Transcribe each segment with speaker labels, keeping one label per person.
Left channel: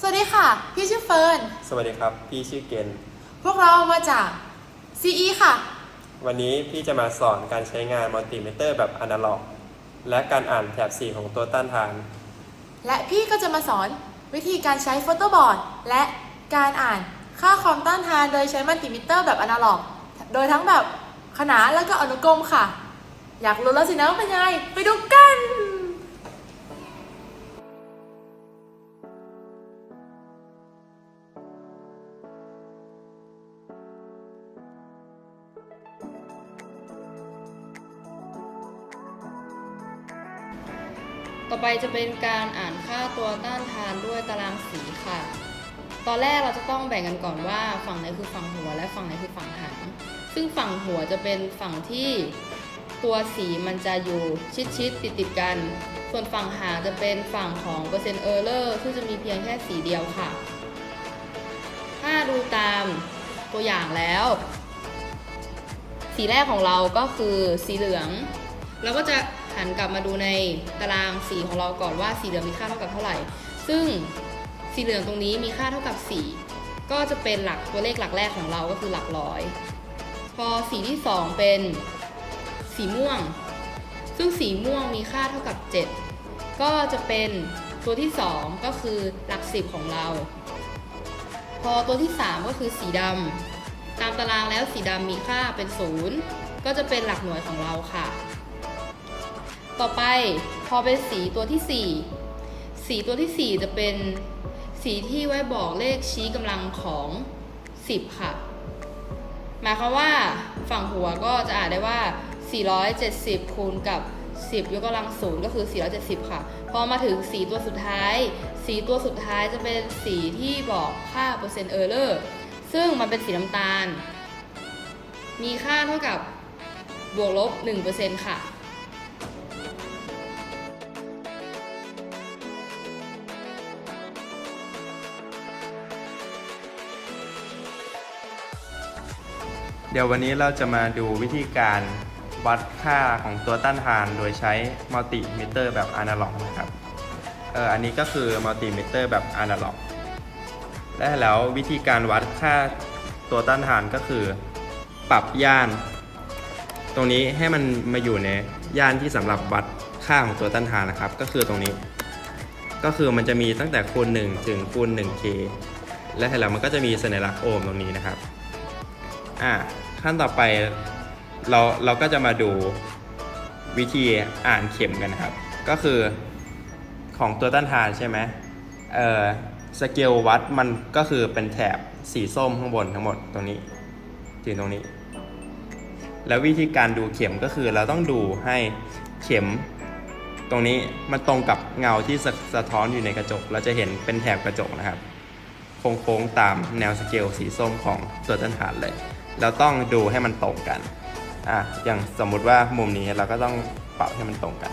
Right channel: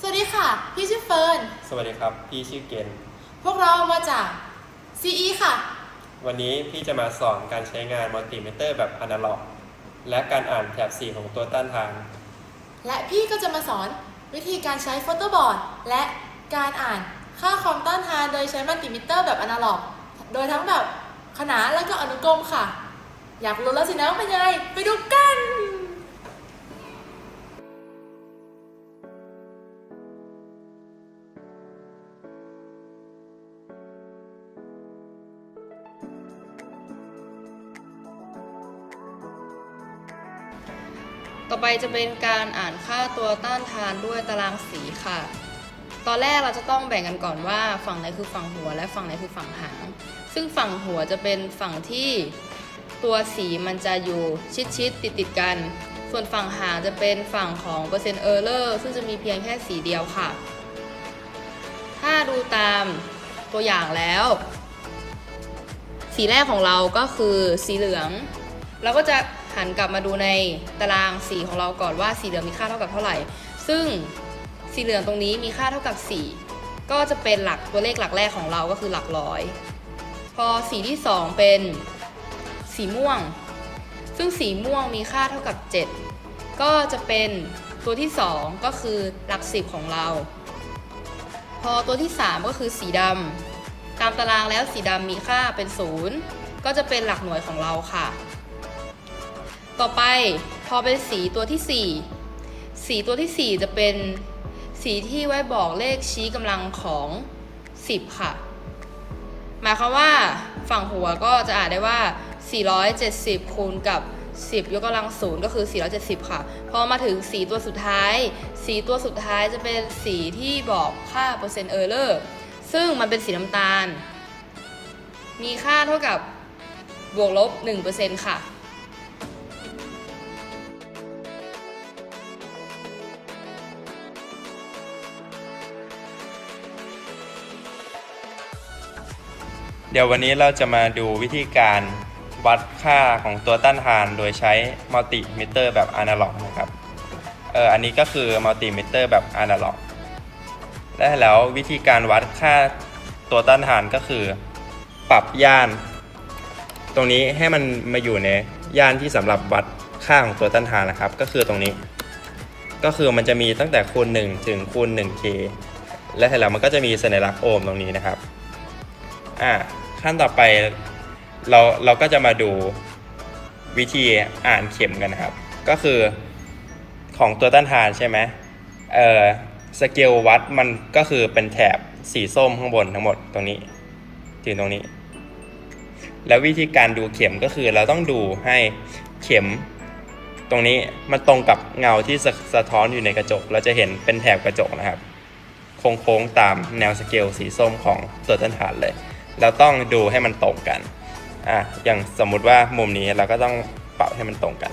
Speaker 1: สวัสดีค่ะ พี่ชื่อเฟิร์น
Speaker 2: สวัสดีครับ พี่ชื่อเกณฑ์
Speaker 1: พวกเรามาจาก CE ค่ะ
Speaker 2: วันนี้พี่จะมาสอนการใช้งานมัลติมิเตอร์แบบอนาล็อก และการอ่านแถบสีของตัวต้านทาน
Speaker 1: และพี่ก็จะมาสอนวิธีการใช้โฟโต้บอร์ดและการอ่านค่าความต้านทานโดยใช้มัลติมิเตอร์แบบอนาล็อก โดยทั้งแบบขนานและก็อนุกรมค่ะ อยากรู้แล้วสินะว่าเป็นยังไงไปดูกัน
Speaker 3: จะเป็นการอ่านค่าตัวต้านทานด้วยตารางสีค่ะ ตอนแรกเราจะต้องแบ่งกันก่อนว่าฝั่งไหนคือฝั่งหัวและฝั่งไหนคือฝั่งหาง ซึ่งฝั่งหัวจะเป็นฝั่งที่ตัวสีมันจะอยู่ชิดๆติดติดๆกัน ส่วนฝั่งหางจะเป็นฝั่งของเปอร์เซ็นต์เออร์เลอร์ซึ่งจะมีเพียงแค่สีเดียวค่ะ ถ้าดูตามตัวอย่างแล้ว สีแรกของเราก็คือสีเหลือง เราก็จะ หันกลับมาดูในตารางสีของเราก่อนว่าสีเหลืองมีค่าเท่ากับเท่าไหร่ ซึ่งสีเหลืองตรงนี้มีค่าเท่ากับ 4 ก็จะเป็นหลักตัวเลขหลักแรกของเราก็คือหลักร้อย พอสีที่ 2 เป็นสีม่วง ซึ่งสีม่วงมีค่าเท่ากับ 7 ก็จะเป็นตัวที่ 2 ก็คือหลัก 10 ของเรา พอตัวที่ 3 ก็คือสีดำตามตารางแล้วสีดำมีค่าเป็น 0 ก็จะเป็นหลักหน่วยของเราค่ะ ต่อไปพอเป็นสีตัวที่ 4 สีตัวที่ 4 จะเป็นสีที่ไว้บอกเลขชี้กำลังของ 10 ค่ะ หมายความว่าฝั่งหัวก็จะอ่านได้ว่า 470 คูณกับ 10 ยกกำลังศูนย์ก็คือ 470 ค่ะ พอมาถึงสีตัวสุดท้าย สีตัวสุดท้ายจะเป็นสีที่บอกค่าเปอร์เซ็นต์เออร์เลอร์ซึ่งมันเป็นสีน้ำตาล มีค่าเท่ากับบวกลบ 1%ค่ะ
Speaker 2: เดี๋ยววันนี้เราจะมาดูวิธีการวัดค่าของตัวต้านทานโดยใช้มัลติมิเตอร์แบบอนาล็อกนะครับ เอออันนี้ก็คือมัลติมิเตอร์แบบอนาล็อก และแล้ววิธีการวัดค่าตัวต้านทานก็คือ ปรับย่าน ตรงนี้ให้มันมาอยู่ในย่านที่สำหรับวัดค่าของตัวต้านทานนะครับ ก็คือตรงนี้ ก็คือมันจะมีตั้งแต่คูณ1ถึงคูณ 1k และแล้วมันก็จะมีสัญลักษณ์โอห์มตรงนี้นะครับ อะ ขั้นต่อไปเราเราก็จะมาดูวิธีอ่านเข็มกันนะครับ ก็คือของตัวต้านทานใช่ไหมเออสเกลวัดมันก็คือเป็นแถบสีส้มข้างบนทั้งหมดตรงนี้ถึงตรงนี้ แล้ววิธีการดูเข็มก็คือเราต้องดูให้เข็ม ตรงนี้มันตรงกับเงาที่สะสะท้อนอยู่ในกระจก เราจะเห็นเป็นแถบกระจกนะครับ โค้งๆตามแนวสเกลสีส้มของตัวต้นฐานเลย เราต้องดูให้มันตรงกันอะอย่างสมมุติว่ามุมนี้เราก็ต้องปรับให้มันตรงกัน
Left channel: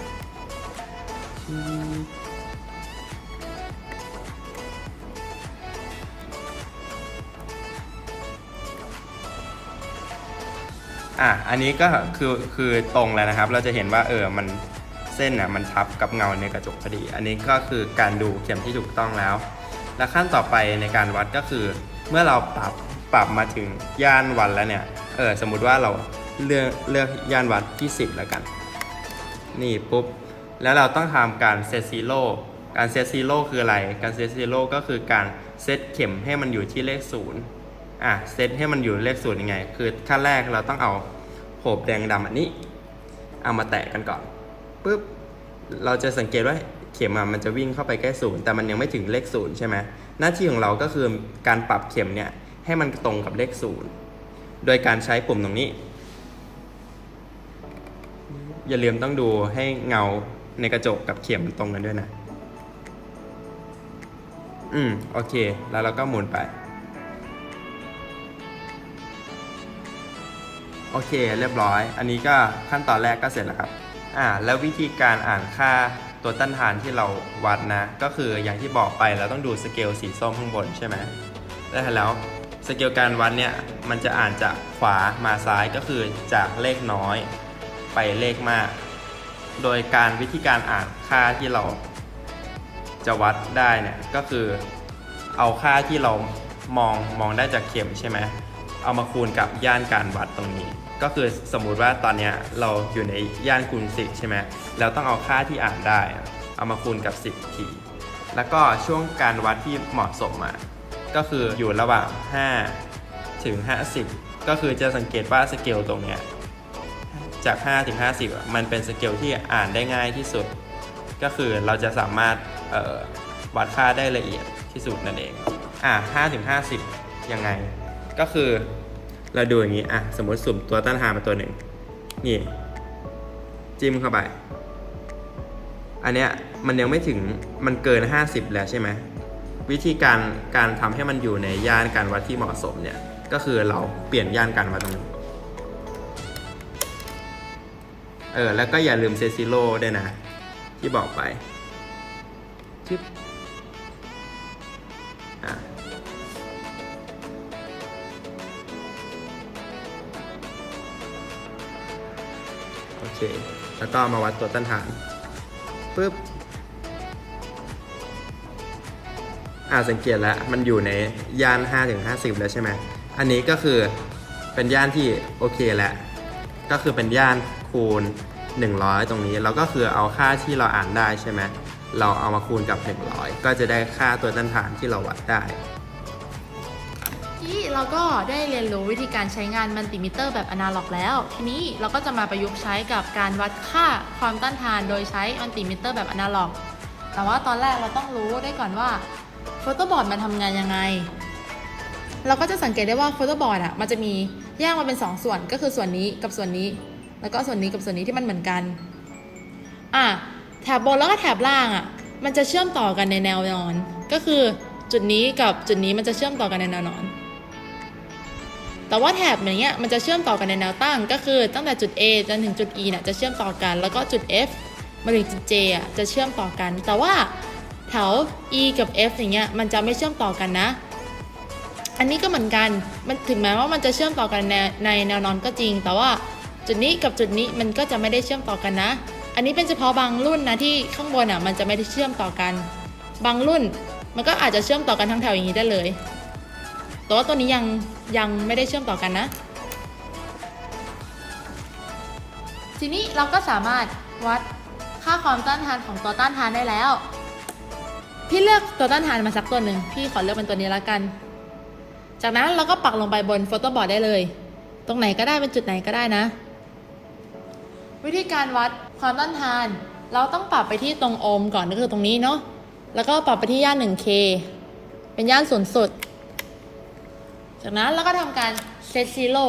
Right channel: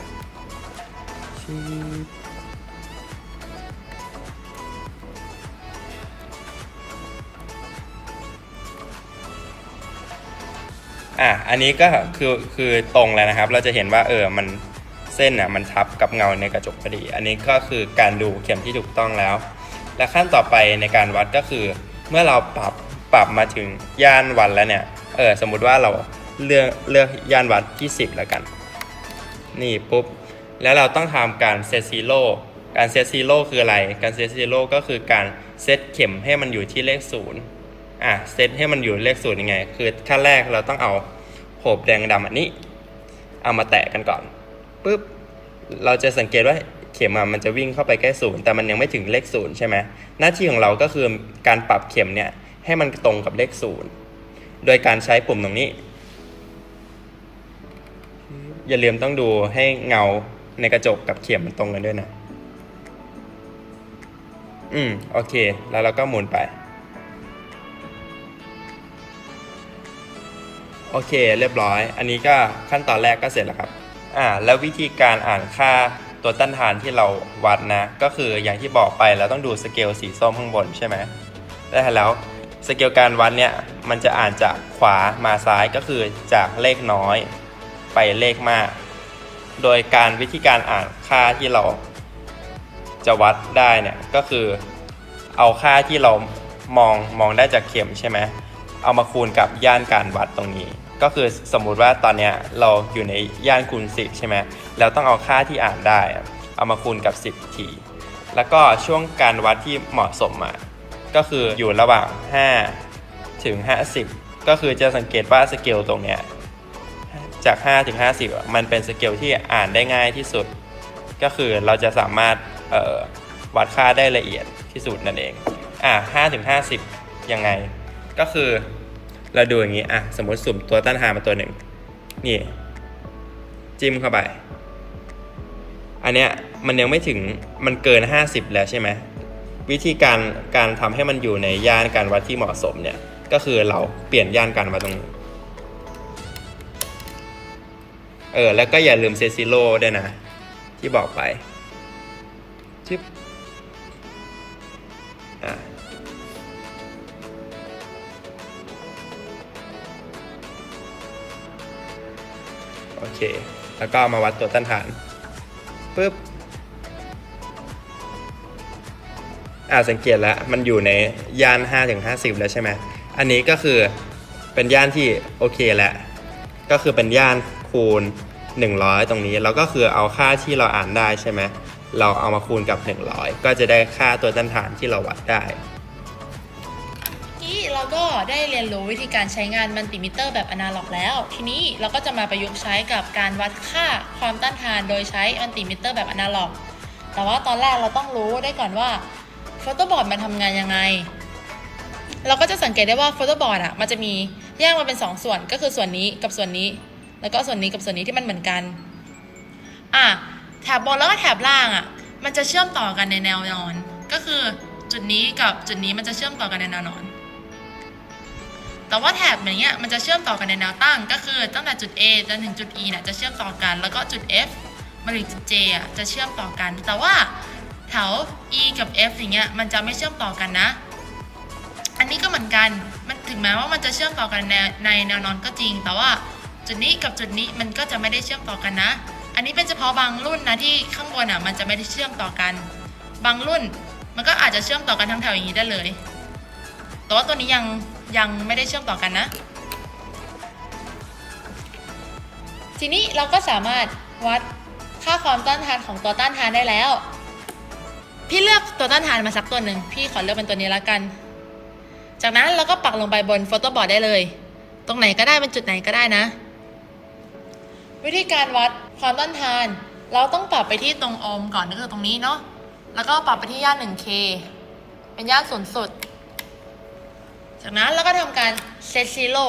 Speaker 2: อะ อันนี้ก็คือคือตรงแล้วนะครับ เราจะเห็นว่าเออ มันเส้นน่ะมันทับกับเงาในกระจกพอดี อันนี้ก็คือการดูเข็มที่ถูกต้องแล้ว และขั้นต่อไปในการวัดก็คือเมื่อเราปรับ ปรับมาถึงย่านวันแล้วเนี่ย เออสมมุติว่าเราเลือกเลือกย่านวัดที่ 10 แล้วกัน นี่ปุ๊บ แล้วเราต้องทำการเซตซีโร่การเซตซีโร่คืออะไร การเซตซีโร่ก็คือการเซตเข็มให้มันอยู่ที่เลขศูนย์อะเซตให้มันอยู่เลขศูนย์ยังไง คือขั้นแรกเราต้องเอาโหบแดงดำอันนี้ เอามาแตะกันก่อนปุ๊บเราจะสังเกตว่าเข็มมันจะวิ่งเข้าไปใกล้ศูนย์แต่มันยังไม่ถึงเลขศูนย์ใช่ไหมหน้าที่ของเราก็คือการปรับเข็มเนี่ย ให้มันตรงกับเลขศูนย์โดยการใช้ปุ่มตรงนี้ อย่าลืมต้องดูให้เงาในกระจกกับเข็มมันตรงกันด้วยนะ อืม โอเค แล้วเราก็หมุนไป โอเค เรียบร้อย อันนี้ก็ขั้นตอนแรกก็เสร็จแล้วครับ อ่า แล้ววิธีการอ่านค่าตัวต้านทานที่เราวัดนะ ก็คืออย่างที่บอกไปเราต้องดูสเกลสีส้มข้างบนใช่ไหมแล้แล้ว สเกลการวัดเนี่ยมันจะอ่านจากขวามาซ้ายก็คือจากเลขน้อยไปเลขมาก โดยการวิธีการอ่านค่าที่เราจะวัดได้เนี่ยก็คือเอาค่าที่เรามองมองได้จากเข็มใช่ไหมเอามาคูณกับย่านการวัดตรงนี้ ก็คือสมมุติว่าตอนเนี้ยเราอยู่ในย่านคูณ 10 ใช่ไหมแล้วต้องเอาค่าที่อ่านได้ เอามาคูณกับ 10 ที แล้วก็ช่วงการวัดที่เหมาะสมอะ ก็คืออยู่ระหว่าง 5 ถึง 50 ก็คือจะสังเกตว่าสเกลตรงเนี้ยจาก 5 ถึง 50 มันเป็นสเกลที่อ่านได้ง่ายที่สุด ก็คือเราจะสามารถวัดค่าได้ละเอียดที่สุดนั่นเอง อะ5ถึง 50 ยังไง ก็คือเราดูอย่างนี้ อะ สมมติสุ่มตัวต้านทานมาตัวหนึ่ง นี่ จิ้มเข้าไป อันเนี้ยมันยังไม่ถึง มันเกิน 50 แล้วใช่ไหม วิธีการการทำให้มันอยู่ในย่านการวัดที่เหมาะสมเนี่ยก็คือเราเปลี่ยนย่านการวัดตรงนี้เออแล้วก็อย่าลืมเซซิโร่ด้วยนะ ที่บอกไปชิปอะโอเค แล้วก็มาวัดตัวต้านทานปุ๊บ อ่าสังเกตแล้วมันอยู่ในย่าน 5-50 แล้วใช่ไหมอันนี้ก็คือเป็นย่านที่โอเคแล้วก็คือเป็นย่านคูณ 100 ตรงนี้แล้วก็คือเอาค่าที่เราอ่านได้ใช่ไหมเราเอามาคูณกับ 100 ก็จะได้ค่าตัวต้านทานที่เราวัดได้
Speaker 1: ที่เราก็ได้เรียนรู้วิธีการใช้งานมัลติมิเตอร์แบบอนาล็อกแล้ว ทีนี้เราก็จะมาประยุกต์ใช้กับการวัดค่าความต้านทานโดยใช้มัลติมิเตอร์แบบอนาล็อก แต่ว่าตอนแรกเราต้องรู้ได้ก่อนว่า โฟโต้บอร์ดมันทำงานยังไง เราก็จะสังเกตได้ว่าโฟโต้บอร์ดอะมันจะมีแยกมาเป็น 2 ส่วนก็คือส่วนนี้กับส่วนนี้ แล้วก็ส่วนนี้กับส่วนนี้ที่มันเหมือนกันอะแถบบนแล้วก็แถบล่างอะมันจะเชื่อมต่อกันในแนวนอน ก็คือจุดนี้กับจุดนี้มันจะเชื่อมต่อกันในแนวนอน แต่ว่าแถบอย่างเงี้ยมันจะเชื่อมต่อกันในแนวตั้ง ก็คือตั้งแต่จุด A จนถึงจุด E เนี่ยจะเชื่อมต่อกัน แล้วก็จุด F มาถึงจุด J อะจะเชื่อมต่อกัน แต่ว่า แถว E กับ F อย่างเงี้ยมันจะไม่เชื่อมต่อกันนะ อันนี้ก็เหมือนกันมันถึงแม้ว่ามันจะเชื่อมต่อกันในในแนวนอนก็จริง แต่ว่าจุดนี้กับจุดนี้มันก็จะไม่ได้เชื่อมต่อกันนะ อันนี้เป็นเฉพาะบางรุ่นนะที่ข้างบนอะมันจะไม่ได้เชื่อมต่อกัน บางรุ่นมันก็อาจจะเชื่อมต่อกันทั้งแถวอย่างนี้ได้เลย แต่ว่าตัวนี้ยังยังไม่ได้เชื่อมต่อกันนะ ทีนี้เราก็สามารถวัดค่าความต้านทานของตัวต้านทานได้แล้ว พี่เลือกตัวต้านทานมาสักตัวหนึ่งพี่ขอเลือกเป็นตัวนี้ละกัน จากนั้นเราก็ปักลงไปบนโฟโต้บอร์ดได้เลย ตรงไหนก็ได้เป็นจุดไหนก็ได้นะ วิธีการวัดความต้านทาน เราต้องปรับไปที่ตรงโอห์มก่อนก็คือตรงนี้เนาะแล้วก็ปรับไปที่ย่าน 1K เป็นย่านศูนย์สุด จากนั้นเราก็ทำการเซตซีโร่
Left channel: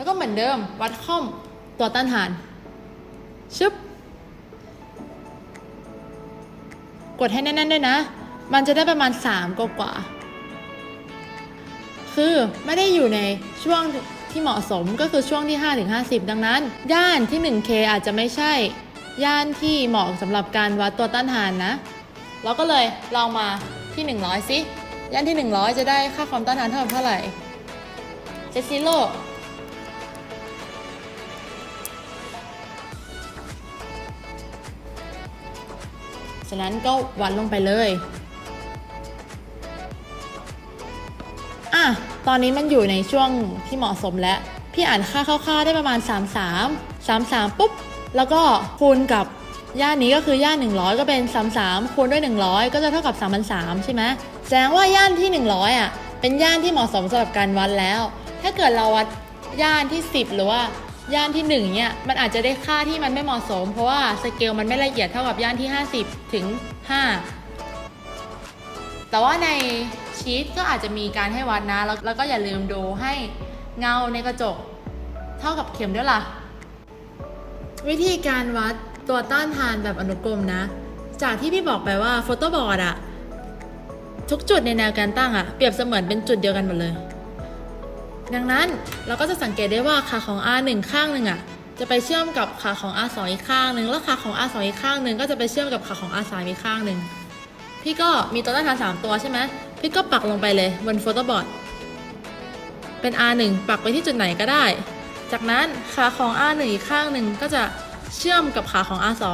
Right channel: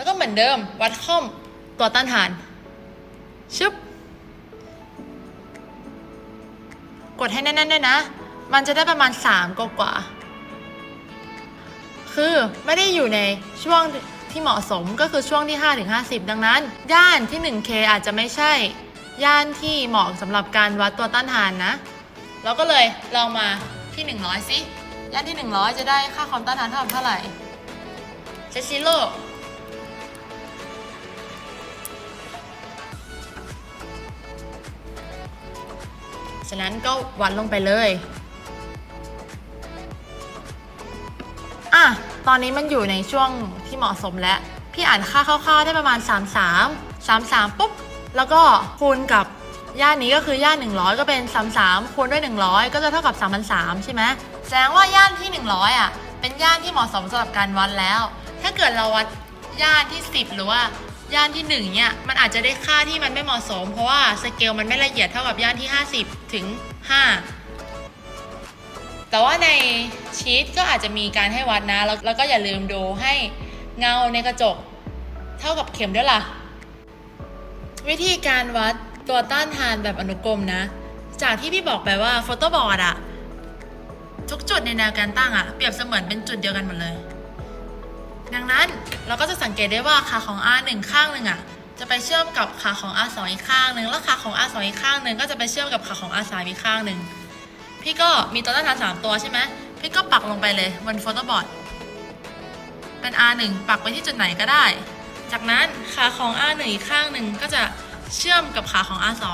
Speaker 1: แล้วก็เหมือนเดิมวัดค่อมตัวต้านทาน ชึบ กดให้แน่นๆด้วยนะ มันจะได้ประมาณ 3กว่าคือไม่ได้อยู่ในช่วงที่เหมาะสมก็คือช่วงที่5-50 ดังนั้น ย่านที่ 1K อาจจะไม่ใช่ ย่านที่เหมาะสำหรับการวัดตัวต้านทานนะ เราก็เลยลองมาที่ 100 สิ ย่านที่ 100 จะได้ค่าความต้านทานเท่าเท่าไหร่เซซิโล ฉะนั้นก็วัดลงไปเลยอะตอนนี้มันอยู่ในช่วงที่เหมาะสมแล้ว พี่อ่านค่าคร่าวๆได้ประมาณ 33 33 ปุ๊บ แล้วก็คูณกับย่านนี้ก็คือย่าน 100 ก็เป็น 33 คูณด้วย 100 ก็จะเท่ากับ3,003ใช่ไหมแสดงว่าย่านที่ 100อะเป็นย่านที่เหมาะสมสำหรับการวัดแล้ว ถ้าเกิดเราวัดย่านที่ 10 หรือว่า ย่านที่ 1 เนี่ยมันอาจจะได้ค่าที่มันไม่เหมาะสม เพราะว่าสเกลมันไม่ละเอียดเท่ากับย่านที่ 50 ถึง 5 แต่ว่าในชีตก็อาจจะมีการให้วัดนะแล้วแล้วก็อย่าลืมดูให้เงาในกระจกเท่ากับเข็มด้วยล่ะ วิธีการวัดตัวต้านทานแบบอนุกรมนะ จากที่พี่บอกไปว่าโฟโต้บอร์ดอะทุกจุดในแนวการตั้งอะเปรียบเสมือนเป็นจุดเดียวกันหมดเลย ดังนั้นเราก็จะสังเกตได้ว่าขาของ R1 ข้างหนึ่งอะจะไปเชื่อมกับขาของ R2 อีกข้างหนึ่งแล้วขาของ R2 อีกข้างหนึ่งก็จะไปเชื่อมกับขาของ R3 อีกข้างหนึ่งพี่ก็มีตัวต้านทาน3ตัวใช่ไหมพี่ก็ปักลงไปเลยบนโฟโต้บอร์ดเป็น R1 ปักไปที่จุดไหนก็ได้ จากนั้นขาของ R1 อีกข้างหนึ่งก็จะเชื่อมกับขาของ R2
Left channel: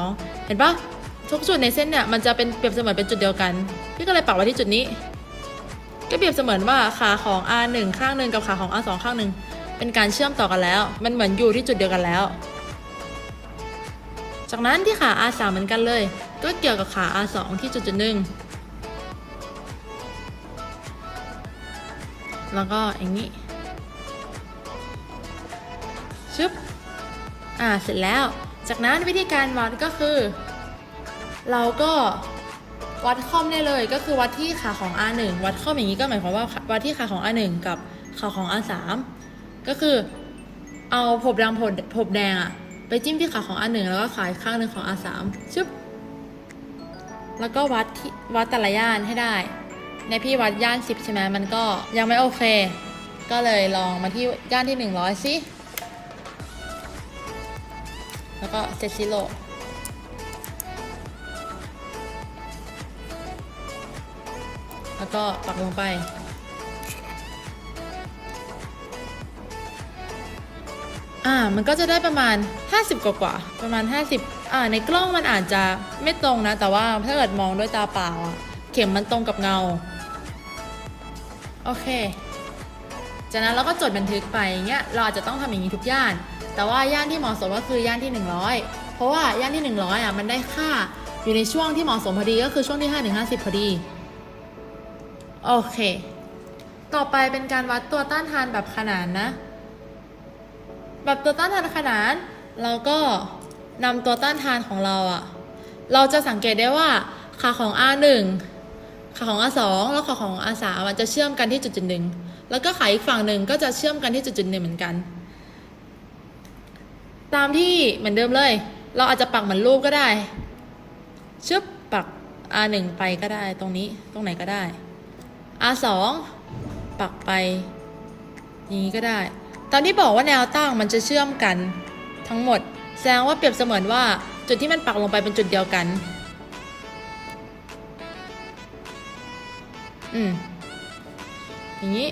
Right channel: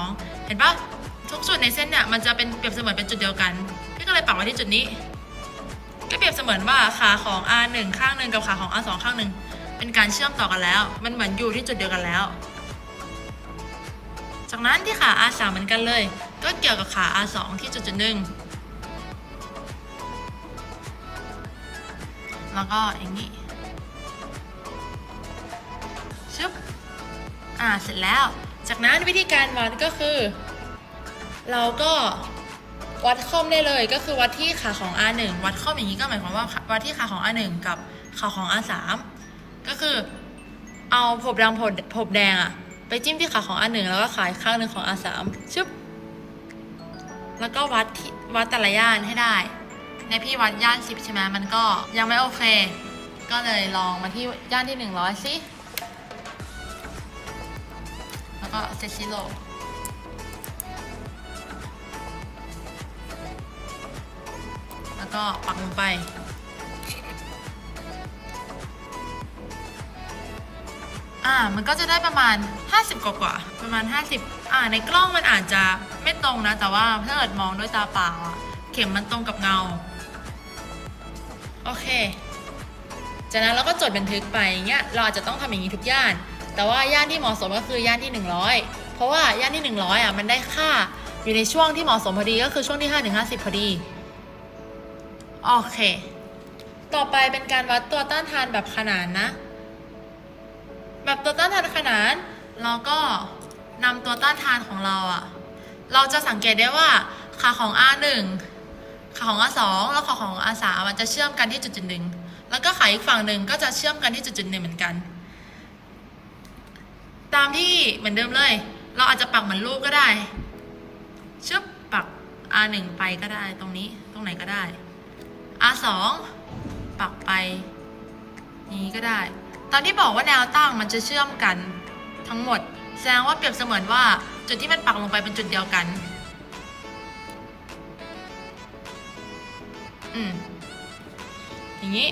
Speaker 1: เห็นปะทุกจุดในเส้นเนี่ยมันจะเป็นเปรียบเสมือนเป็นจุดเดียวกัน พี่ก็เลยปักไว้ที่จุดนี้ ก็เปรียบเสมือนว่าขาของ R1 ข้างหนึ่งกับขาของ R2 ข้างหนึ่งเป็นการเชื่อมต่อกันแล้ว มันเหมือนอยู่ที่จุดเดียวกันแล้ว จากนั้นที่ขา R3 เหมือนกันเลย ก็เกี่ยวกับขา R2 ที่จุดจุดหนึ่งแล้วก็อย่างนี้ชึบอ่าเสร็จแล้ว จากนั้นวิธีการวัดก็คือ เราก็ วัดค่อมได้เลยก็คือวัดที่ขาของ R1 วัดค่อมอย่างนี้ก็หมายความว่าวัดที่ขาของ R1 กับขาของ R3 ก็คือเอาผมแดงผมผมแดงอะไปจิ้มที่ขาของ R1 แล้วก็ขาอีกข้างหนึ่งของ R3 ชึบแล้วก็วัดที่วัดแต่ละย่านให้ได้ ในพี่วัดย่าน 10 ใช่ไหมมันก็ยังไม่โอเค ก็เลยลองมาที่ย่านที่ 100สิแล้วก็เซตซิโล แล้วก็ปักลงไป อ่า มันก็จะได้ประมาณ 50 กว่ากว่าๆประมาณ 50 อ่า ในกล้องมันอาจจะไม่ตรงนะ แต่ว่าถ้าเกิดมองด้วยตาเปล่าอะเข็มมันตรงกับเงา โอเค จากนั้นเราก็จดบันทึกไปอย่างเงี้ย เราอาจจะต้องทำอย่างนี้ทุกย่าน แต่ว่าย่านที่เหมาะสมก็คือย่านที่ 100 เพราะว่าย่านที่ 100อะ มันได้ค่าอยู่ในช่วงที่เหมาะสมพอดีก็คือช่วงที่5ถึง50 พอดี โอเค ต่อไปเป็นการวัดตัวต้านทานแบบขนานนะ แบบตัวต้านทานขนาน เราก็นำตัวต้านทานของเราอะเราจะสังเกตได้ว่าขาของ R1 ขาของ R2 แล้วขาของ R3 มันจะเชื่อมกันที่จุดจุดหนึ่งแล้วก็ขาอีกฝั่งหนึ่งก็จะเชื่อมกันที่จุดจุดหนึ่งเหมือนกัน ตามที่เหมือนเดิมเลย เราอาจจะปักเหมือนรูปก็ได้ชึบปัก R1 ไปก็ได้ตรงนี้ตรงไหนก็ได้ R2 ปักไปอย่างนี้ก็ได้ตามที่บอกว่าแนวตั้งมันจะเชื่อมกันทั้งหมด แสดงว่าเปรียบเสมือนว่าจุดที่มันปักลงไปเป็นจุดเดียวกัน อืม อย่างนี้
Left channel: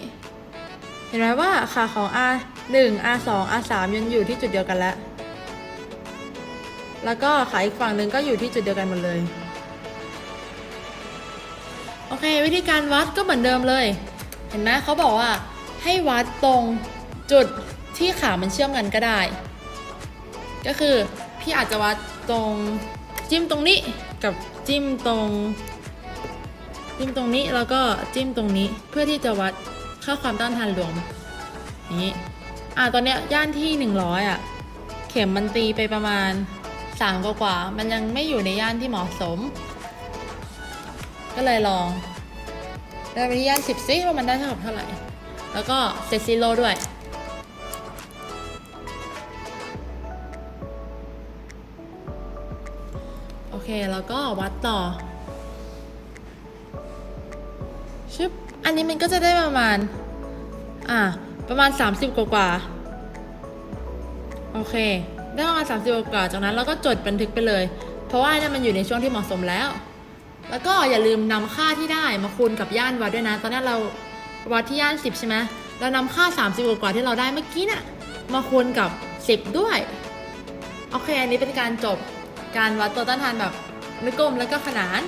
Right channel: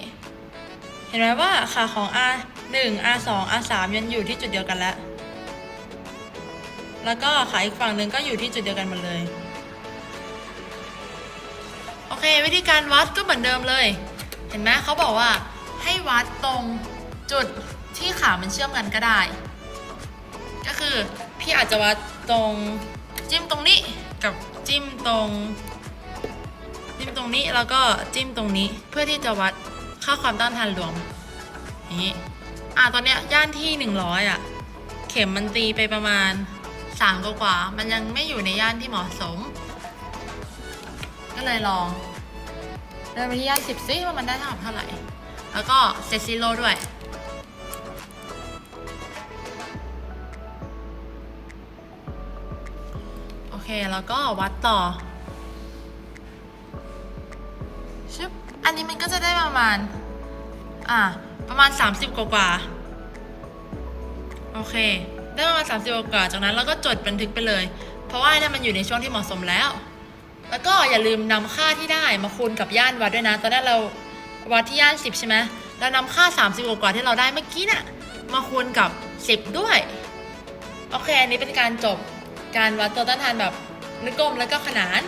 Speaker 1: เห็นไหมว่าขาของ R 1 R 2 R 3ยังอยู่ที่จุดเดียวกันแล้ว แล้วก็ขาอีกฝั่งหนึ่งก็อยู่ที่จุดเดียวกันหมดเลย อเควิธีการวัดก็เหมือนเดิมเลย เห็นไหมเขาบอกว่าให้วัดตรงจุดที่ขามันเชื่อมกันก็ได้ ก็คือพี่อาจจะวัดตรงจิ้มตรงนี้กับจิ้มตรง จิ้มตรงนี้แล้วก็จิ้มตรงนี้เพื่อที่จะวัดค่าความต้านทานรวมอย่างนี้อะตอนเนี้ยย่านที่ 100อะเข็มมันตีไปประมาณ3กว่ากว่ามันยังไม่อยู่ในย่านที่เหมาะสม ก็เลยลองได้ไปที่ย่าน10ซิว่ามันได้เท่ากับเท่าไหร่ แล้วก็เซซิโลด้วย โอเค แล้วก็วัดต่อชึบอันนี้มันก็จะได้ประมาณ อะประมาณ 30 กว่ากว่า โอเค ได้ประมาณ 30กว่ากว่า จากนั้นเราก็จดบันทึกไปเลย เพราะว่านี่มันอยู่ในช่วงที่เหมาะสมแล้ว แล้วก็อย่าลืมนำค่าที่ได้มาคูณกับย่านวัดด้วยนะ ตอนนั้นเราวัดที่ย่าน 10 ใช่ไหมเรานำค่า 30กว่ากว่าที่เราได้เมื่อกี้น่ะมาคูณกับ 10 ด้วย โอเค อันนี้เป็นการจบการวัดตัวต้านทานแบบนึกกลมแล้วก็ขนาน